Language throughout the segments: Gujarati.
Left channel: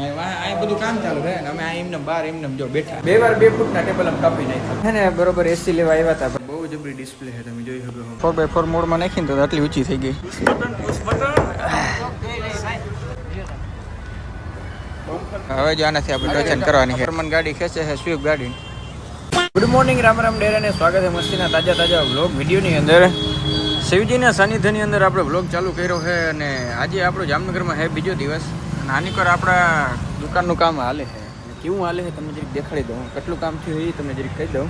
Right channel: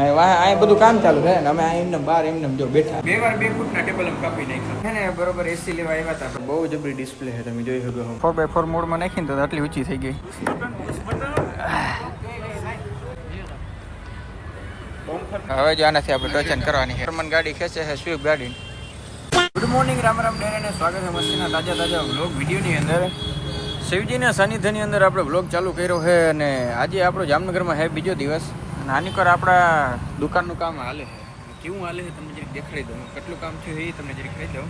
આ બધું કામ ચાલુ છે ને અમે એમને બાર એમને જો બેઠા 2 વાર 2 ફૂટના ટેબલ આમ કાપી નાખ્યા છે ને બરોબર એસી લેવા આવ્યા હતા. બહુ જબરી ડિસ્પ્લે છે, તમે જોઈ શકો 4x4 મોડમાં નાખીને તો આટલી ઊંચી થઈ ગઈ. હવે જો આનાથી આપણે ટચન કરવાની છે. ફરમાન ગાડી ખેંચે છે સ્વિફ્ટ ગાડી. ગુડ મોર્નિંગ, રામ રામ ડેરા ને સ્વાગત છે મસ્તીના તાજા વ્લોગ વિડીયોની અંદર. શિવજીના સાનિધ્યની અંદર આપણે વ્લોગ ચાલુ કર્યો છે અને આજે આપણો જામનગરમાં છે બીજો દિવસ. અને આની પર આપણા દુકાનનું કામ હાલે છે. કેવું હાલે છે તમે જરીક દેખાડી દઉં, કેટલું કામ થયું એ તમે જરીક કહી દઉં.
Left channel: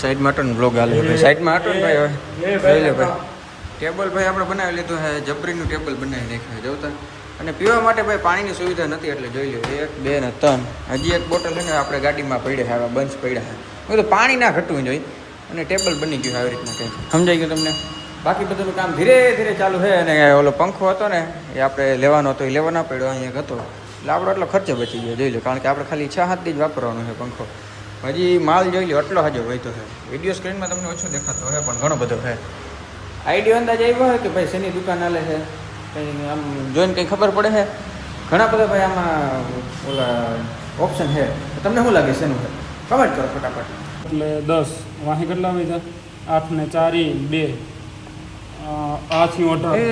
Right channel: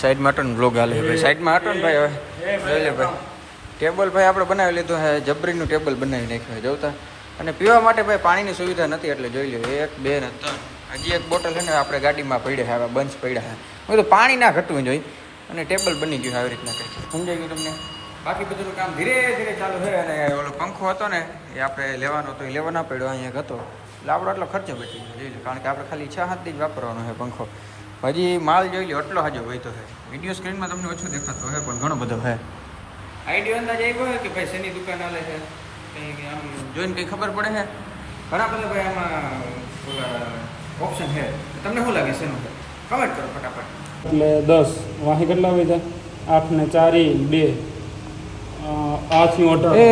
સાઈડમાં હટો ને વ્લોગ હાલે છે ભાઈ, સાઈડમાં હટો ને ભાઈ. હવે જોઈ લે ભાઈ, ટેબલ ભાઈ આપણે બનાવી લીધું છે, જબરીનું ટેબલ બનાવી નાખ્યું છે જોતા. અને પીવા માટે ભાઈ પાણીની સુવિધા નથી એટલે જોઈ લો 1 2 ને 3 હજી એક બોટલ છે ને આપણે ગાડીમાં પડ્યા છે, આવા બંચ પડ્યા છે. તો પાણી ના ઘટવું જોઈએ અને ટેબલ બની ગયું આવી રીતના કંઈક. સમજાઈ ગયું તમને? બાકી બધું કામ ધીરે ધીરે ચાલુ છે. અને ઓલો પંખો હતો ને એ આપણે લેવાનો હતો, એ લેવા ના પડ્યો, અહીંયા હતો એટલે આપણો એટલો ખર્ચો બચી ગયો જોઈ લો. કારણ કે આપણે ખાલી 6-7 દી જ વાપરવાનો છે પંખો. હજી માલ જોઈ લો એટલો હજો હોય તો છે. વિડીયો સ્ક્રીનમાં તમને ઓછો દેખાતો હોય પણ ઘણો બધો છે. આઈડિયો અંદાજ આવ્યો હોય કે ભાઈ શેની દુકાન હાલે છે કંઈ આમ જોઈને કંઈ ખબર પડે છે? ઘણા બધા ભાઈ આમાં ઓલા ઓપ્શન છે. તમને શું લાગે શેનું છે? કમેન્ટ કરો ફટાફટ. એટલે 10 વાહી કેટલા હોય? 8 ને 4 2 8 ઓર્ડર. એ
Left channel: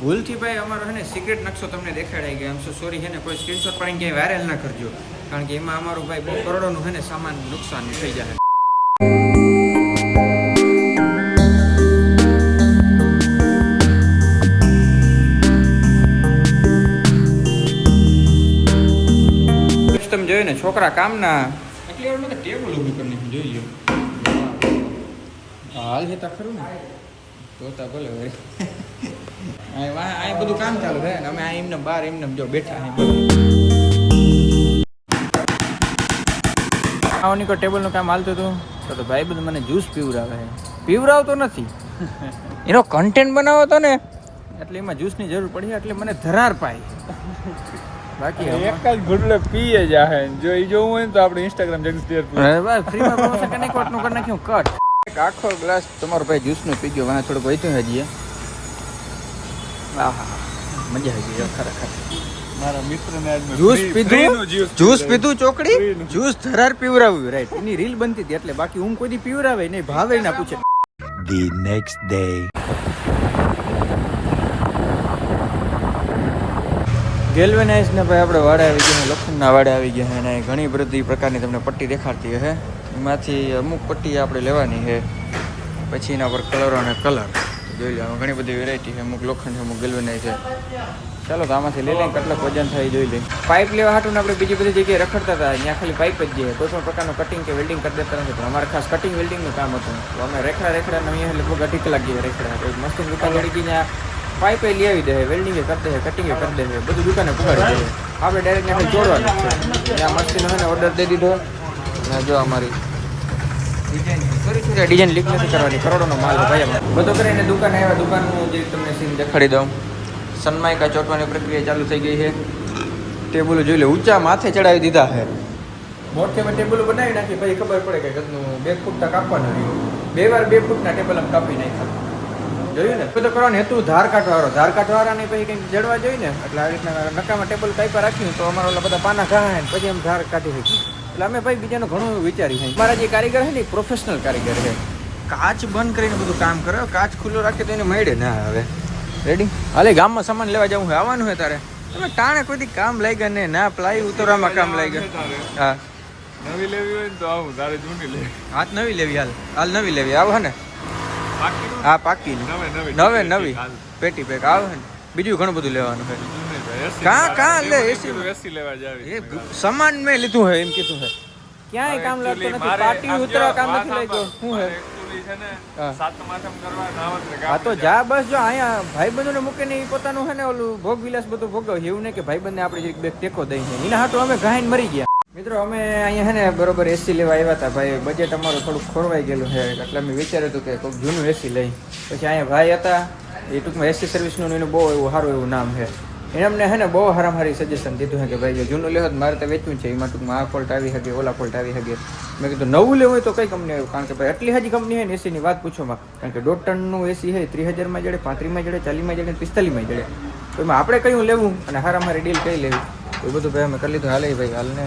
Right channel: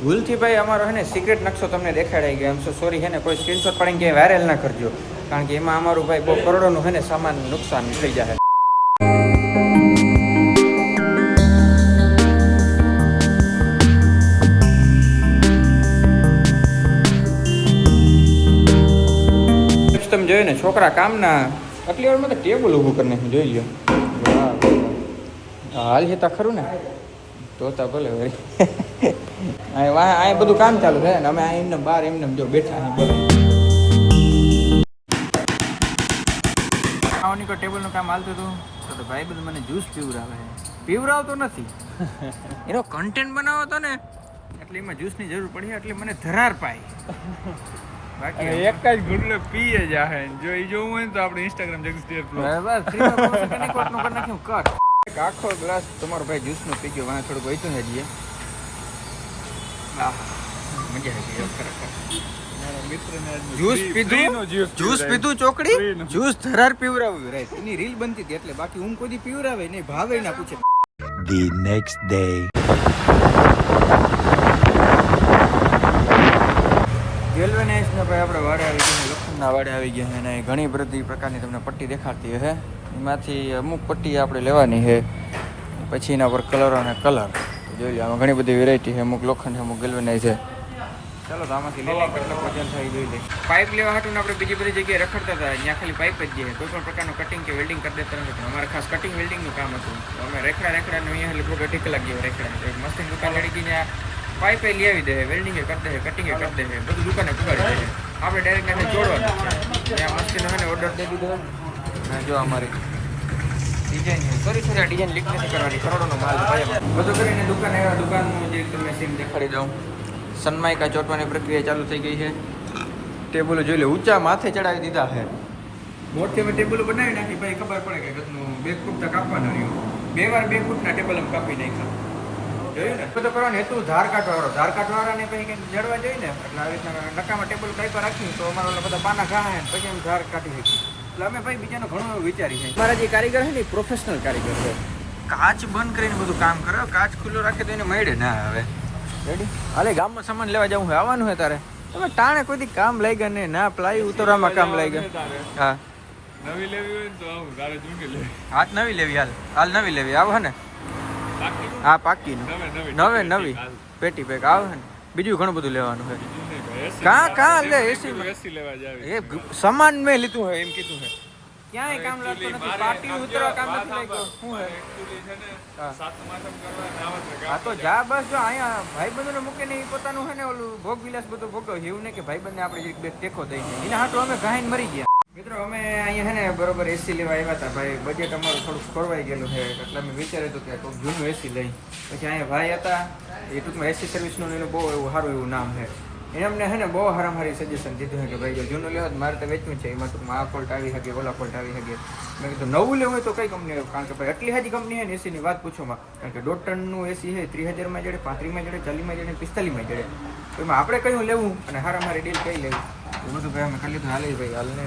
ભૂલથી ભાઈ અમારો છે ને સિક્રેટ નકશો તમને દેખાડાઈ ગયો. એમ સોરી છે ને, કોઈ સ્ક્રીનશોટ પાડીને ક્યાંય વાયરલ ના કરજો, કારણ કે એમાં અમારું ભાઈ બહુ કરોડોનું છે ને સામાન નુકસાન થઈ જાય. તમે જોયું ને છોકરા કામના આટલી વારમાં તો ટેબલ ઊભું કરીને જોઈ લો. હાલ છે તા ખરું ને તોતા ભલે વળી. આ બધું કામ ચાલુ છે ને અમે એમને બાર એમને જો બેઠા અહીં બોલો. આની કોઈ ટેબલનું કામ હાલતું હતું તો ભાઈ બધું મને જ્યુસ પીવરાવે છે. પીવરાવતો નથી, એનો કન્ટેન્ટ બનાવો હતો ને એટલે એમાં જ્યુસની જરૂર પડી એટલે મને ધરાર પાઈ. બાકી એક જ ગુડલે પીએ જાહે. જો ઈ જોવું હોય તો આપણે ઇન્સ્ટાગ્રામ જગદીશ બસ ફ્રીમાં પ્રમોશન કને કોટનું કરી નાખ્યું કટ. એક આખો ગ્લાસ તમારો ભાઈ જ્યુસનો પી ગયો, મને થોડુંક વહીતું હજી. આહા મજા આવી ગઈ ખરેખર. મારા મિત્રને આજ જ્યુસ પીધું ચોકડી જ્યુસ ધરાર પીવરાવ્યું રાઈટ. એની રીલ બનતી હતી એટલે, બાકી હું કોઈ દી પીવરાવે નહીં, ભાવે ના પૂછે. The next day. ગેલ્વેનાઇઝ ને ભાઈ આપણે વાડે આવી ગયા, લખનના વાડે આવી ગયા છે અને ઘણી બધી પ્રકારની તમને પટ્ટી દેખાડતી છે. એમાંથી અમુક પટ્ટી આપણે લેવાની છે, પછી એના પર કલર અને કલર તો જોઈ લો. આમાં ઘણી બધી વેરાયટી છે, અમુક લોખંડ છે, અમુક ગેલ્વેનાઇઝ છે. ચાલો તો આમાંથી લઈ લઈને કેટલાક વજન થાય જોઈ લઈએ. પાઇપ લેવા હાટું આપણે બીજી બધી જગ્યાએ રખડતા હતા, ત્યાં ખાલી પાઇપ જ ગયા, કોઈ પણ પ્રકારનું કટિંગ કે વેલ્ડિંગ કરી દેતા નથી. પણ અમારે ખાસ કટિંગ વેલ્ડિંગનું કામ હતું તો અમે રેખડા અહીંયા લગભગ 2.5 કલાક જેવા રેખડા. પછી મસ્તીની દુકાન જડી ગઈ, ત્યાં પાઇપે લઈ આવી દે, વેલ્ડિંગે કરી દે, કટિંગે કરી દે, બધું દુકાને પુગાડી દે. આપણે ડાયરેક્ટ ત્યાં જોડવાનું છે. ત્યાં મસ્તીનો મને ઓર્ડર દઈ દીધો અને જો અમારી ડિઝાઇન સોરી ડિઝાઇન લીક નથી કરવાની, કરોડોનો માલ ભાઈ અમે બધું કરીને દુકાને આવ્યા. દુકાનનું જે તમને સીન દેખાડી દઉં. સનમાઇકા ચોંટવાની પ્રક્રિયા ચાલુ થઈ ગઈ છે. ટેબલો જોઈ લે ઊંચા માથે ચડાવી દીધા છે. મોટી અમે ટેબલો બનાવી નાખી ભાઈ, ખબર પડે કે ઘરનું 2 ફૂટના કાપવાનું રહ્યું. 2 વાર 2 ફૂટના ટેબલ અમે કાપી નાખ્યા. જોયું ને બધું કરવાનું હેતુ ધાર કાઢવાળાને પછી કંઈક જડવા જોઈએ ને, એટલે આ રીતના નકામાં ટેબલ કાપ્યા રાખ્યું તો અમારા ઓલા બધા પાના ઘણા પછી અમે ધાર કાઢી શકીએ. એટલે અમે ભાઈ બીજાનું ઘણું વિચારી છે. અમારા જે કારીગર છે ને એ પ્રોફેશનલ કારીગર છે. કાચ બંધ કરીને બધું કામ કરે, કાચ ખુલ્લો રાખે તો એને મળે ના. હવે રેડી હાલે ગામમાં સામાન લેવા જવું હોય, આવવાનું હોય તારે તમે ટાણે કોઈ દી કામ લઈ ગયા ને ના પ્લાય ઉતરવામાં કામ લઈ ગયા. હા નવી લેવી હોય તો આવું, તારે જૂની લેવી. હાથ નવી લેવી, હાલ નવી લેવી આવો હે ને. હા પાકીનું નવી પેટી પેક આવે ને. બીજું ઘણું બધું લેવાનું છે. કાં લે એસી લેવા જાવ. સામાન મેં લીધું છે એમ કીધું છે. ક્યાંય કામ લાગતું નથી, પાટી ઉતરવા કામ નથી લઈ ગયો. શું હે હા તો જા બસ. જો અહીંયા ભાઈબંધોને મૂકીને એ પોતાનું છે ને ઓલું ભોગ વિલાસ બધું ભોગવ્યું. એવું નહીં કે ભાઈબંધને આપણે બે ટેકો દઈને એના હાથું અમે ગાઈને મરી ગયા. મિત્રો અમે અહીંયા છે ને બરોબર એસી લેવા આવ્યા હતા ભાઈ. બજેટ અમારું થોડુંક ખોરવાઈ ગયેલું છે એટલે અમે વિચાર્યું હતું કે કોઈક જૂનું એસી લઈ. પછી અહીંયા ભાઈ હતા એ ટૂંકમાં એસી સર્વિસનું એનું બહુ એવું સારું એવું નામ છે. એને અમને છે ને બહુ સારી સજેશન દીધું છે કે ભાઈ જૂનું લેવા મારે તો વેચવું છે, એમાં ટૂંકમાં આ ફોલ્ટ આવી શકે, ઓલા ફોલ્ટ આવી શકે. મેં કીધું નવું લેવું હોય તો કઈ કંપની આવ્યું, કારણ કે ભાઈ એટલી હાજી કંપની છે ને એસીની વાત પૂછોમાં. કારણ કે 1.5 ટનનું એસી છે 30,000માં જડે, 35માં જડે, 40માં જડે, 45માં જડે. તો એમાં આપણે કયું લેવું અને હારામારી ડીલ કઈ લેવી એ બધું ભાઈ અમે કરી લીધું હાલે ભાઈ હાલને.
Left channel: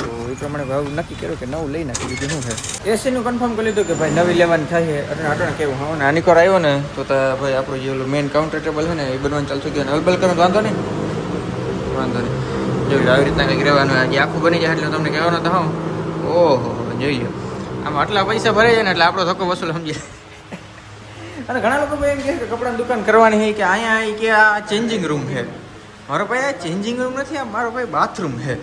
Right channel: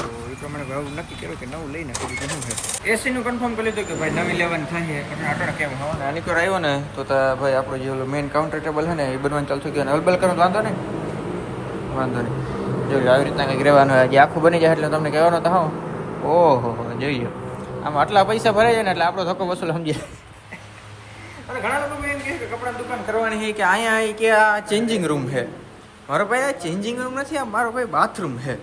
તો એ પ્રમાણે ભાવ નક્કી કર્યું કે નવું લઈ નાખી બીજું શું છે. એસીનું કન્ફર્મ કરી લીધું કે ભાઈ નવી લેવાની થાય છે એટલે અટણ કેવું હું નાની કોર આવ્યો ને તો ભાઈ આપણું જે ઓલું મેઇન કાઉન્ટર ટેબલ છે ને એ બનવાનું ચાલુ થઈ ગયું. અલબલ કરવાનું વાંધો નહીં જોયું આવી રીતના કંઈક રહેવાનું હજી આખું બની જાય એટલે તમને કહેવાનો તો હા. ઓહો જોઈએ આમાં આટલા પૈસા ભરાઈ જાય ને એટલે આપણો ધક્કો વસૂલ સમજીએ. અને ઘણા લોકો એમ કહે કે કપડાની દુકાન કરવાની છે કે અહીંયા કે આ ચેન્જિંગ રૂમ છે. મારો ભાઈ આ ચેન્જિંગ રૂમ નથી, આ મારો ભાઈ બાથરૂમ છે.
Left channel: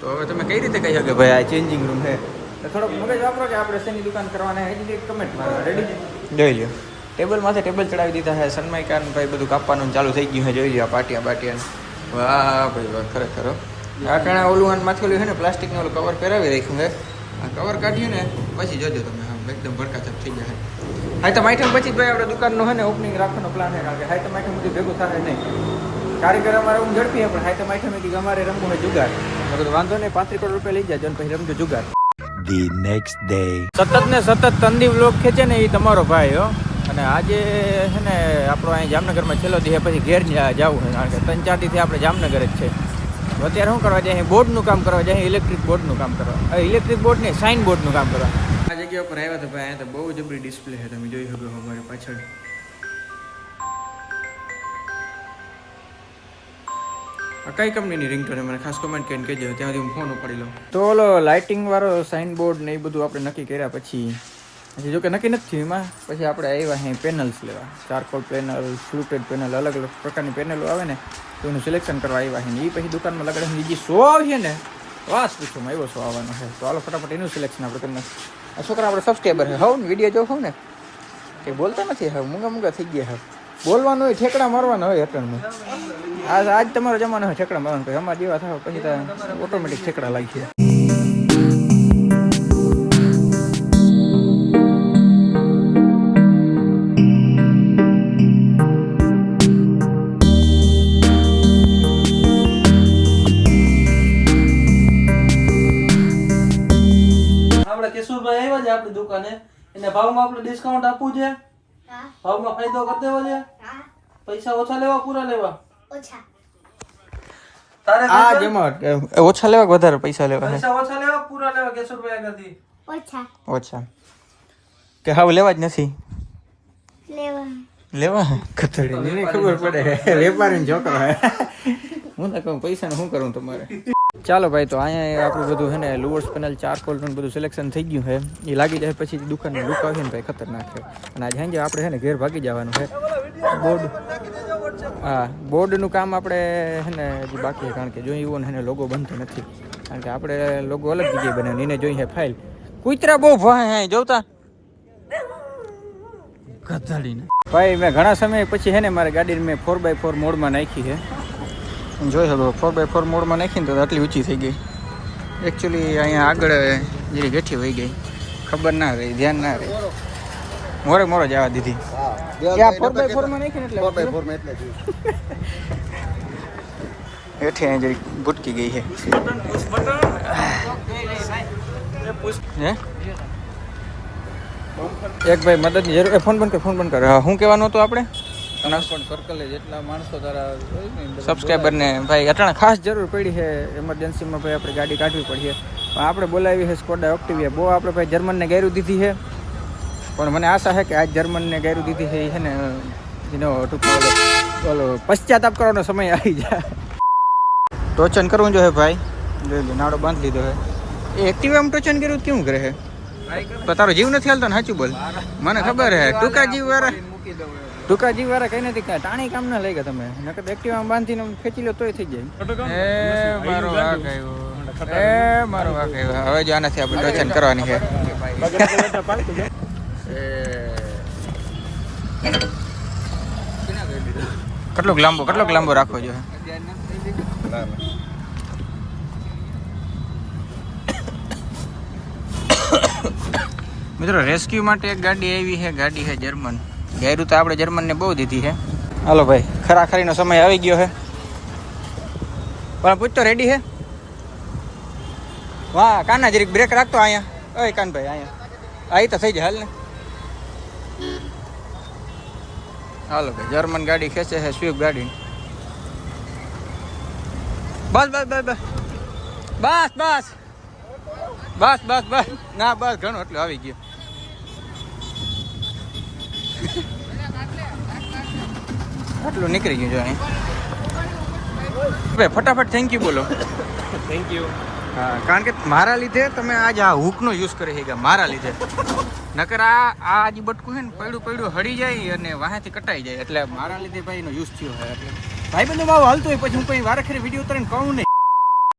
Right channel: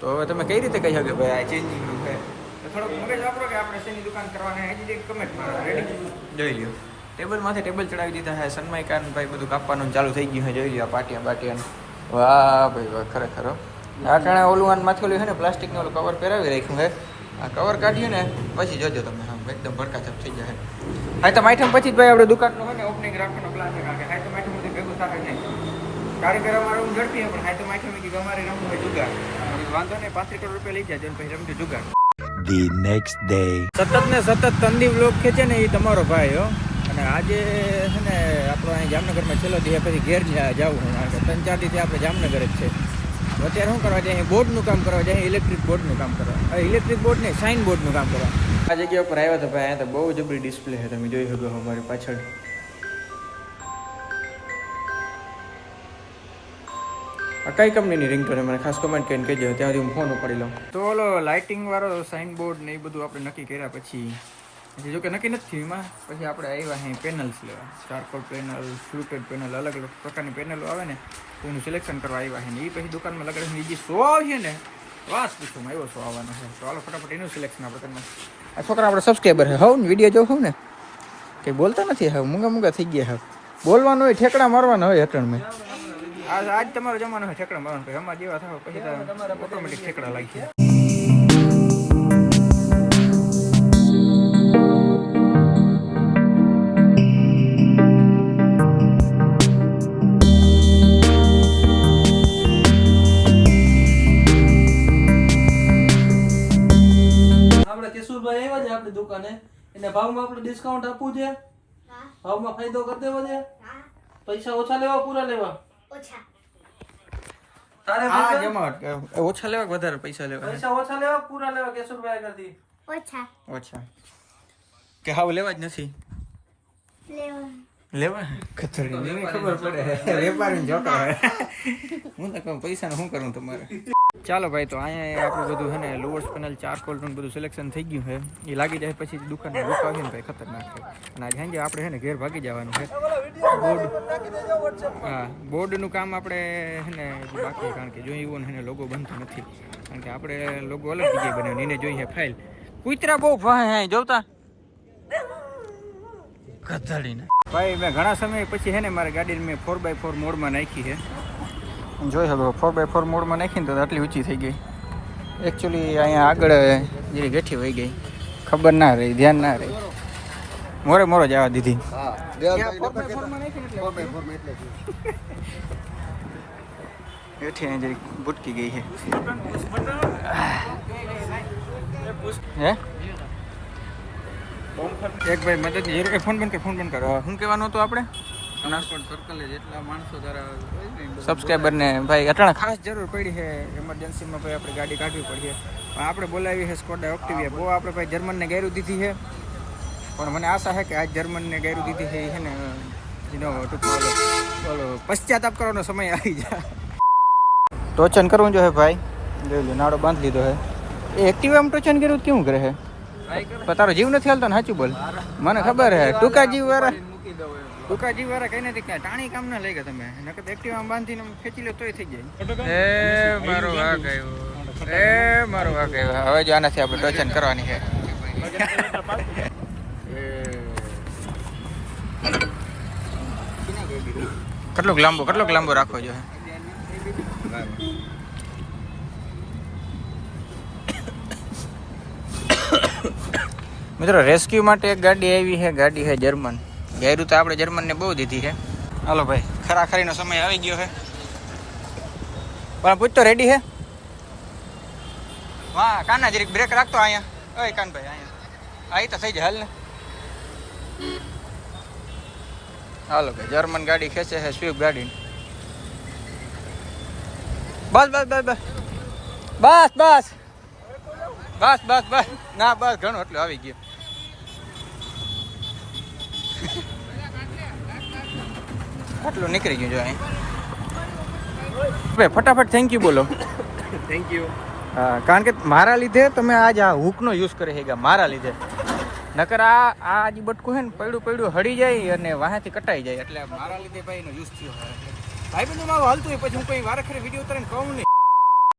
તો હવે તમે કઈ રીતે કહી શકો ભાઈ આ ચેન્જિંગ રૂમ છે? તો થોડોક મગજ વાપરો કે આપણે શેની દુકાન કરવાના હજી કમેન્ટ મારો રેડી જોઈ લ્યો. ટેબલમાંથી ટેબલ ચડાવી દીધા છે. સનમાઈકાન ભાઈ બધું કાપવાનું ચાલુ થઈ ગયું છે. જોઈ લ્યો પાટિયા બાટિયાને. વાહ ભાઈ વાહ ખરેખર. આ ટાણે ઓલું માથે ઓલું છે ને પ્લાસ્ટિકનું ઓલું કવર પહેરાવી રાખ્યું છે. આ કવર કાઢીએ ને પછી જોજો તમે હા એકદમ ભડકાચપ થઈ જાય. હાઈ તો માઠમ પછી ભાઈ આપણે દુકાનનું છે ને ઓપનિંગ રાખવાનો પ્લાન છે. કારણ કે હાઈ તો માઠમ બધી ભેગું થાય નહીં. કારીગર અમારે હું ઝડપી પણ હાઈ તો માઠમ અમારે રમવું હોય જુગાર. વાંધો નહીં 35 કરોડ રૂપિયા લઈ જાય પછી રમજો જુગાર. The next day. સતત ને સતત તંદી વ્લોગ ખેંચે ને એ તમારો ભાઈ હો. અને આજે છે ને આપણો અહીં જામનગરમાં છેલ્લો દી પછી ઘેર જવું છે. કારણ કે 3-4 દીથી આપણે જામનગર જ છે. તો અત્યારે શું કરવા જાય બોર્ડનું કામ કરવા જાય, ઇલેક્ટ્રિક બોર્ડનું કામ કરવા. ઇલેક્ટ્રિક બોર્ડ નહીં સાઇન બોર્ડનું કામ કરવા આ જગ્યા ઉપર આવ્યા હતા ભાઈ. અહીંયા તો બહુ જબરી ડિસ્પ્લે છે, તમે જોઈ શકો અમારી પાછળ. કઈ કંપનીની રિંગટોન મને ખાસ કમેન્ટ કરીને કહેજો, ત્યાં સુધી હું ફોન ઉપાડી લઉં. તો ઓલો લાઇટિંગ વાળો સાઇન બોર્ડ ને એ બધું આપણે નક્કી કર્યા પછી જોકે નક્કી નથી એમાં પછી આપણે આવ્યા અહીં પેનલ્સ લેવા. ચારકોલ પેનલ, ફ્લુટેડ પેનલ, અલગ અલગ પ્રકારની પેનલો આવે ને તો એનું સિલેક્શન કરવા આવ્યા છે. એ પછી દુકાનમાં લગાડે બીજી 100 છે ને વાસ પૂછવામાં આવ્યો 100 આવવાનો છે. તો હાલો ફટાફટ એનું સિલેક્શન આપણે તમને. આ છોકરા આપણે સબસ્ક્રાઈબર છે. હું વિડીયો જોઉં છું ને કંઈ બોલતા નથી. હવે મૂંગા થઈ ગયા. હવે બોલવાનું હોય ઠેકડા મારવાના હોય અટણમાં. આજ તમારો જમાનો હોય ઠેકડા મારવાનું. કે અમારા જેવા થાવ પછી તો ઓટોમેટિક ઠેકડા લાગી છે. કેશુરભાઈ આવ્યા છે આપણી દુકાને, એને ભાવમાં આપણે ડિસ્કાઉન્ટ આપવું છે. ભાવમાં ફાયદો કરી દેવો છે. પૈસા ઓછા લેવા પૂરા લેવા? તારે ઓછા લેવા વધારે પૈસા લેવા? પૈસા ઓછા લેવા પૂરા લેવા કેશુરભાઈ આગળથી? ઓછા કે હાવ લેવા જ નથી લેવા. ખતડી ખબર પડે વેપારી છોકરો. હું તો કહું પૈસાનું શું કરું તમારે. ચાલો ભાઈ તો અહીંયા આપણું બધું છે ને લુઅર્સ પેનલ ચારકોલ બધું સિલેક્શન થઈ ગયું છે. એ લાગી જાય પછી દુકાનની લુક આવે ને ભાઈ ખતરનાક છે. અને આજે હેંગે આપણે છે ને ઘેર ભાગી જવાનું છે. બોર્ડનું કામ આપણે છે ને હજી બાકી છે. કારણ કે જોઈ એવું ને લોગો બનતો નથી. કારણ કે આપણે લોગો અલગ જગ્યાએ બનાવ્યો એને જોઈએ ફાઇલ. કૂતરા બહુ ભાઈ જોતા કથાડીને ભાઈ મેં ઘણા સમય પછી છે ને મારી ગાડીને મેં 4x4 મોડમાં નાખી છે. જોઈ શકો 4x4 મોડમાં નાખીને તો આટલી ઊંચી થઈ ગઈ. એકચ્યુઅલી અહીંયા આગળ જે બેઠી વહી ગઈ ખબર ના રહી, ધ્યાન ના રહી, મોરે જવા દીધી. 4x4 માં નાખીને એટલે 4x4 માં એટલે હેઠે અહીં જરી ભૂટકી ગઈ છે. હે એક ભાઈ મદદની જરૂર. ફોન બંધ કર. હા શું કહેવાનું હતું આપણે? પણ સર્કલે જેટલા માણસો તારા હોય ને સબસ્ક્રાઈબર ને ભાઈ અટાણે ખાસ જરૂર પડી છે. એમરજન્સીમાં ભાઈ આપણે ગાડી કાઢવી પડી છે. પણ આપણે બોલાવી છે સ્કોડા ઓક્ટિવિયા. બહુ આપણે ભાઈ જર્મનને ગાયરું દીધી છે. પણ મને આશા છે કે આજ જર્મનને ગાયરું દીધી છે એ છે ને એનો ઓલો પશ્ચાતાપ કરવાનો સમય આવી જાય. ટોચન કરવું જોઈએ ભાઈ. જોઈ લો નાડો બાંધી લીધો છે. એ એક્ટિવામાં ટોચન કર્યું કેવું કરે છે? તારો જીવ નથી હાલતો ને સાચું બોલ. મને ખબર છે ટૂંકા જીવ વાળા કઈ નથી કાંઈ ટાણી કામ ના લઈ ગયા તમે. નકર એક્ટિવામાં બાંધીને ખેંચી લો તોય થઈ જાય. મારો વાઘ આવ્યો. હવે જો આનાથી આપણે ટોચન કરવાની છે. કેટલોક લાંબો રાખવો જોઈએ. મિત્રો રેસ્ક્યુ માટે એક ગાડી આવી છે. ગાડી છે જર્મન. ગાયરું તો આપણે જર્મનને બહુ દીધી છે. હાલો ભાઈ ખરાખરીનો સમય આવી ગયો છે. પણ પૂછતો રેડી છે? વાહ કાના જરીક બ્રેક રાખતો અહીંયા. ઓય કાનભાઈ અહીંયા આવી તો થઈ જાય હાલ ને. હાલો ભાઈ જર્મન ગાડી ખેંચે છે સ્વિફ્ટ ગાડી. બસ બસ બસ બસ બસ બસ બસ બસ બસ ના બસ ઘણું એટલું આવી ગયું. આટલું નીકળી ગયું જો અહીં. હવે ફટાફટ થેન્ક યુ બોલો. Thank you. હા, કારણ કે મારા લીધે તમે આજ આ હૂકનો યુઝ કરી છે મારા લીધે. નકર આ જે બટકું છે ને પડ્યું હળી જાય અને વાહેથી કટાઈ જાય એટલે મારા લીધે ભાઈ એનો યુઝ થયો છે. એટલે ભાઈ બંધો ભાવ હાલતો હોય પછી હું કઈ વારે ખરી વિડીયો ઉતારીને કહું નહીં.